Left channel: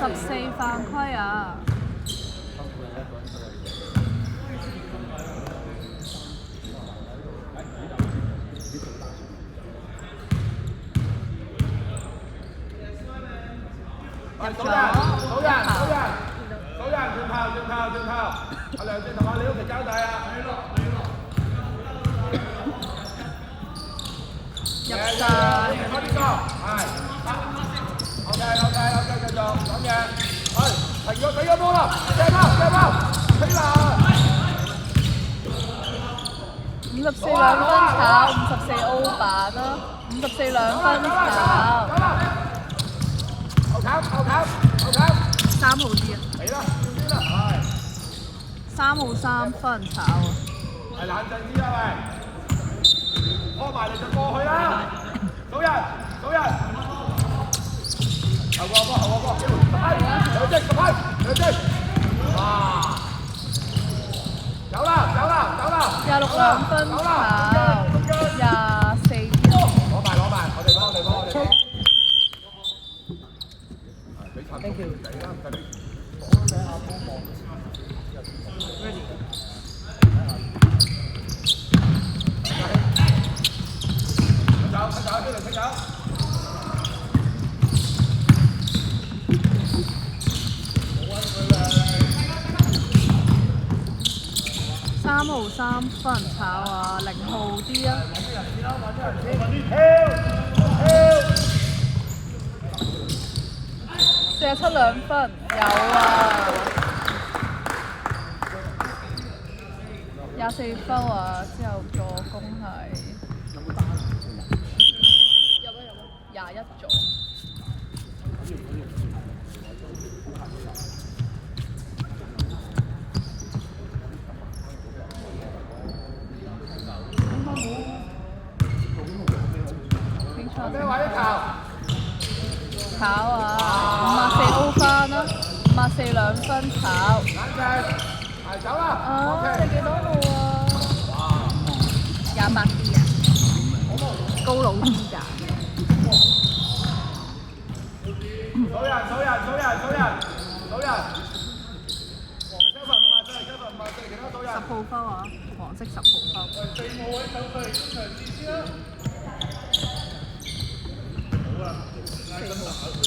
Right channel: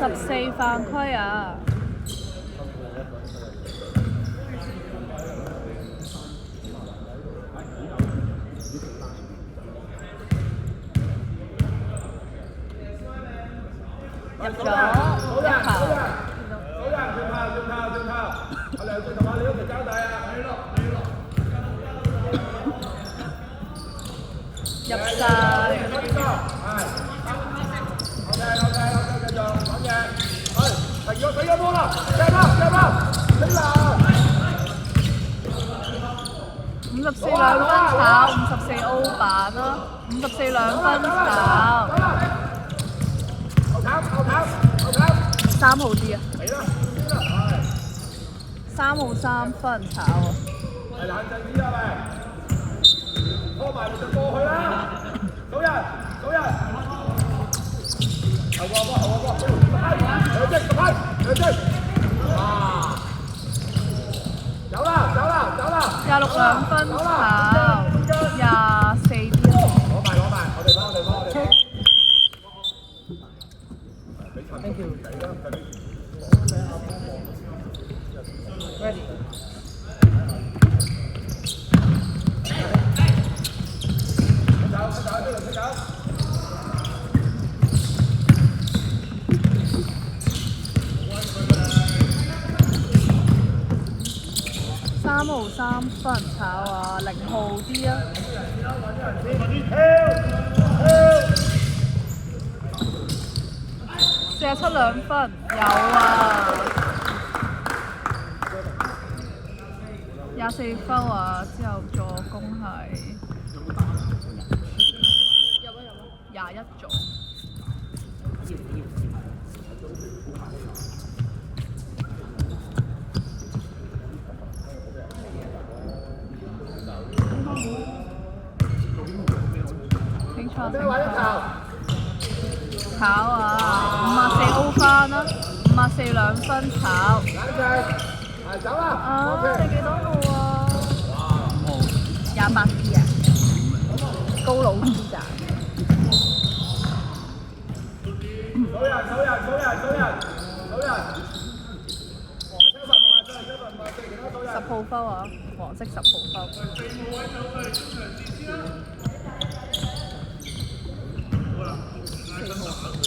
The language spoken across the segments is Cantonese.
54犯規啊！入咗一球。入晒。54兩分炒，54 over 54兩分炒。3號啲啊！3號3分炒啊！冷靜啲啊喂！拖埋你就過去啦！早人，早人！後個波，後個波，有擊，有擊！啊！走啦，走啦，走啦！26兩分炒，24。攞埋，我哋幫。Thank you。Ready。3號3分炒啊，0號啲啊！47兩分有啊！24分啊，之後助攻係21組。炒啊！54高翻啦，54兩分炒。走啦！你幾多號啊？28啲啊！高佬啲㗎。10號分啊！黃色10號分。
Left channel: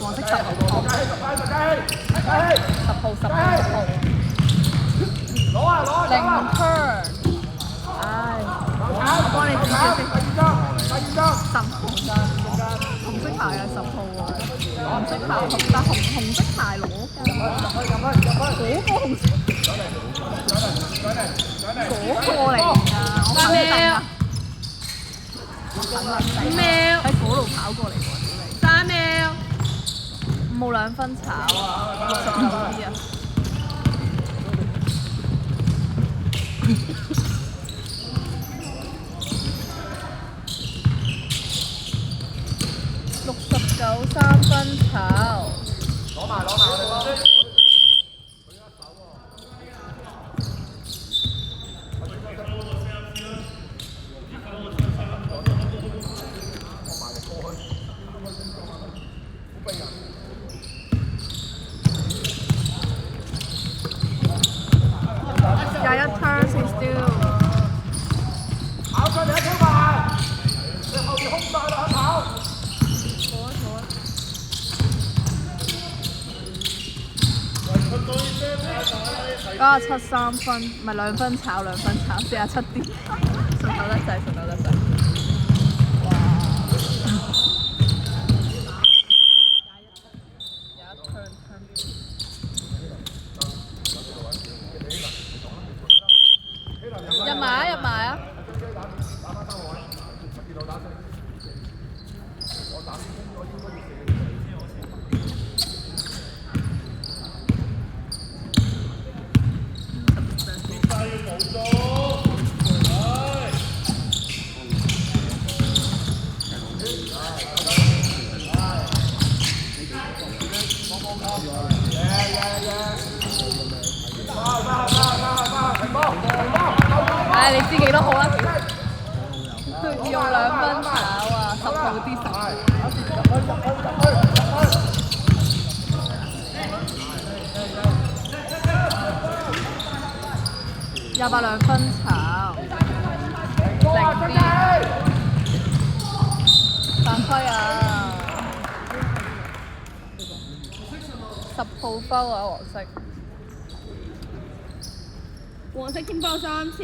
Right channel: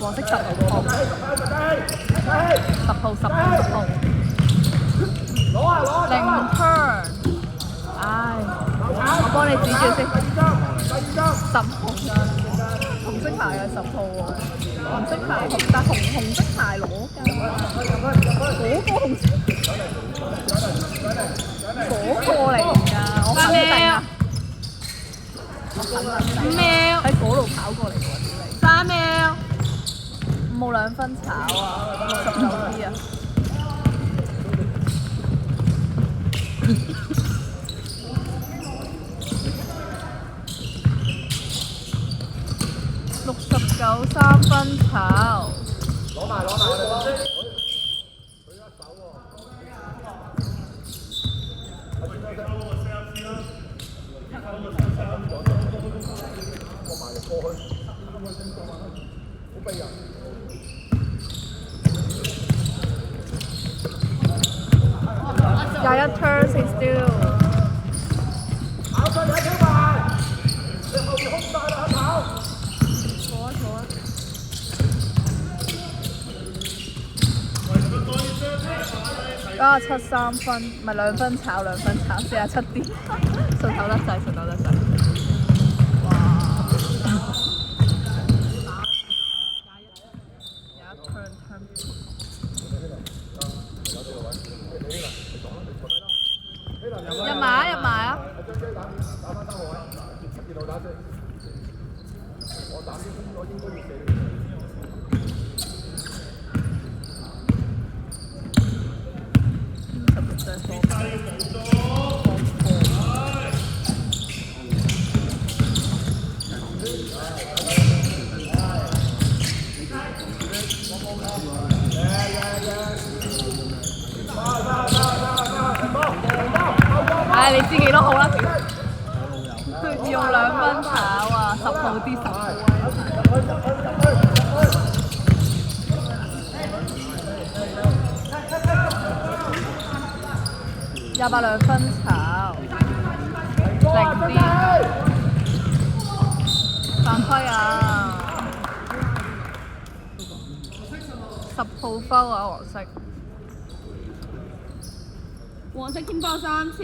黃色10號10號。0 turn。唉，我幫你指住先。10號。紅色牌係10號喎。紅色牌但紅色牌攞㗎。嗰個嚟㗎，我肯定啊！喺嗰度跑過嚟喎，3秒，5號2分炒啊，60號啲啊，69 3分炒。21 turns is still。97 3分，唔係2分炒2分炒，47啲，順手甩晒，順手甩晒。入埋啊！ 8兩分炒，波啊，真係！犯規啊！10號包啊，黃色。黃色添包3次。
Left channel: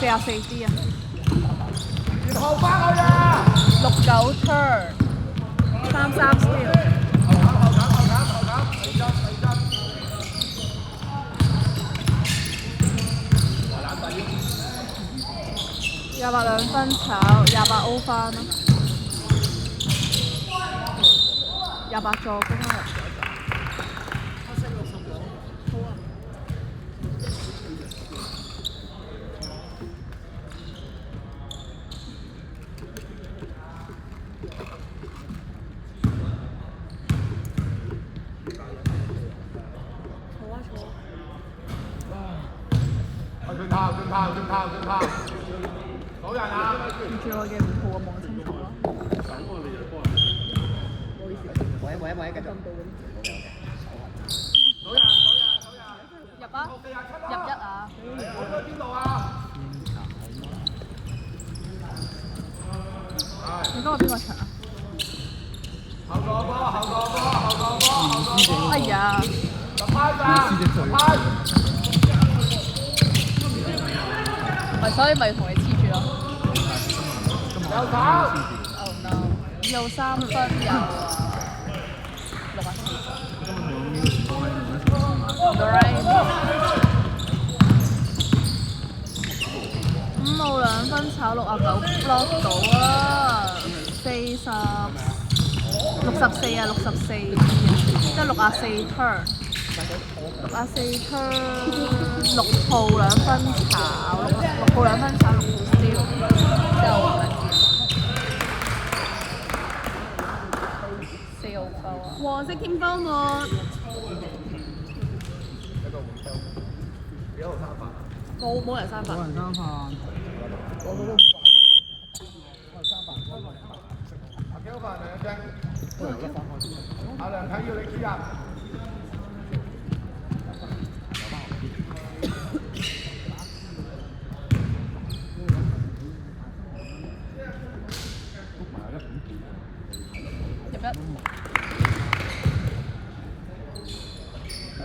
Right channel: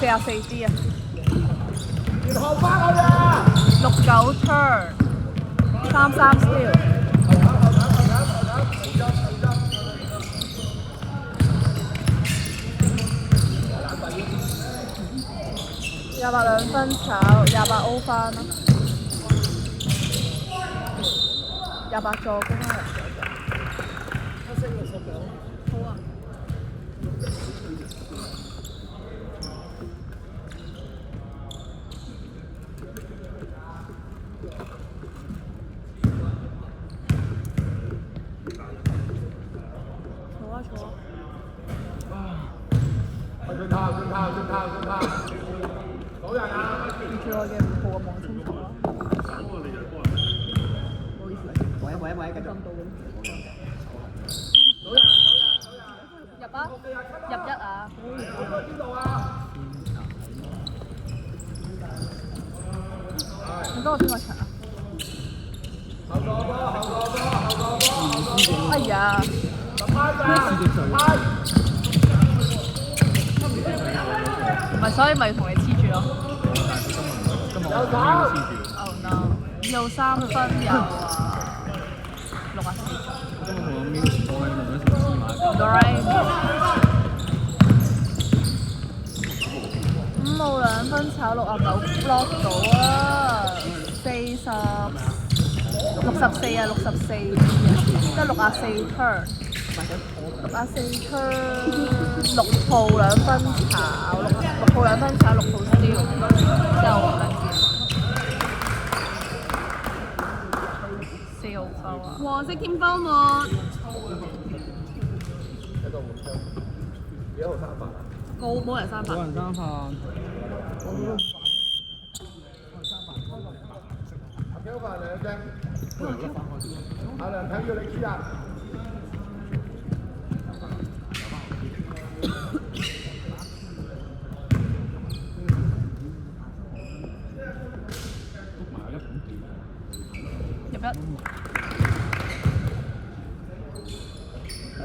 44支啊！69 turn， 33 steal。28兩分炒，28 O 翻咯，28助攻啊！叫我嘅5號嘅網衝頭啦。唔好意思。喂，繼續。入啊！入1啊！你幫我邊個場？哎呀！所以咪同你黐住咯。有3分有。5號2分炒69 block 到啊，64啊，64，即係64 turn，64 turn， 6號2分炒，6號2分炒，6號4號收。黃色添包我。冇人3分。冇人3分。阿梁睇要你知啊！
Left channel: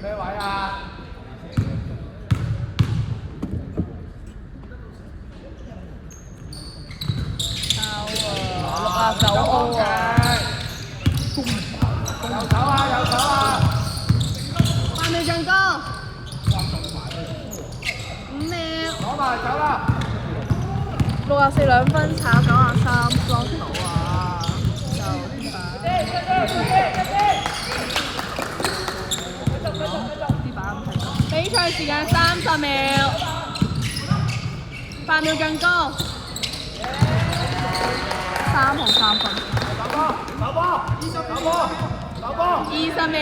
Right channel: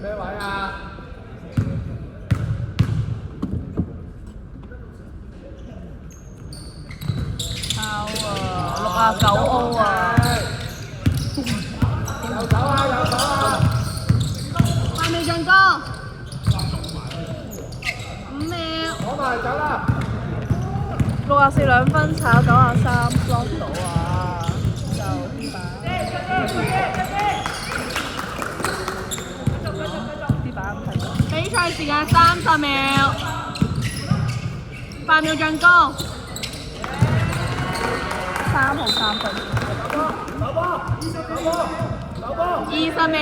咩位啊？64 2分炒93 block 到啊！就點打？比賽時間30秒，8秒進攻。3號3分。20秒。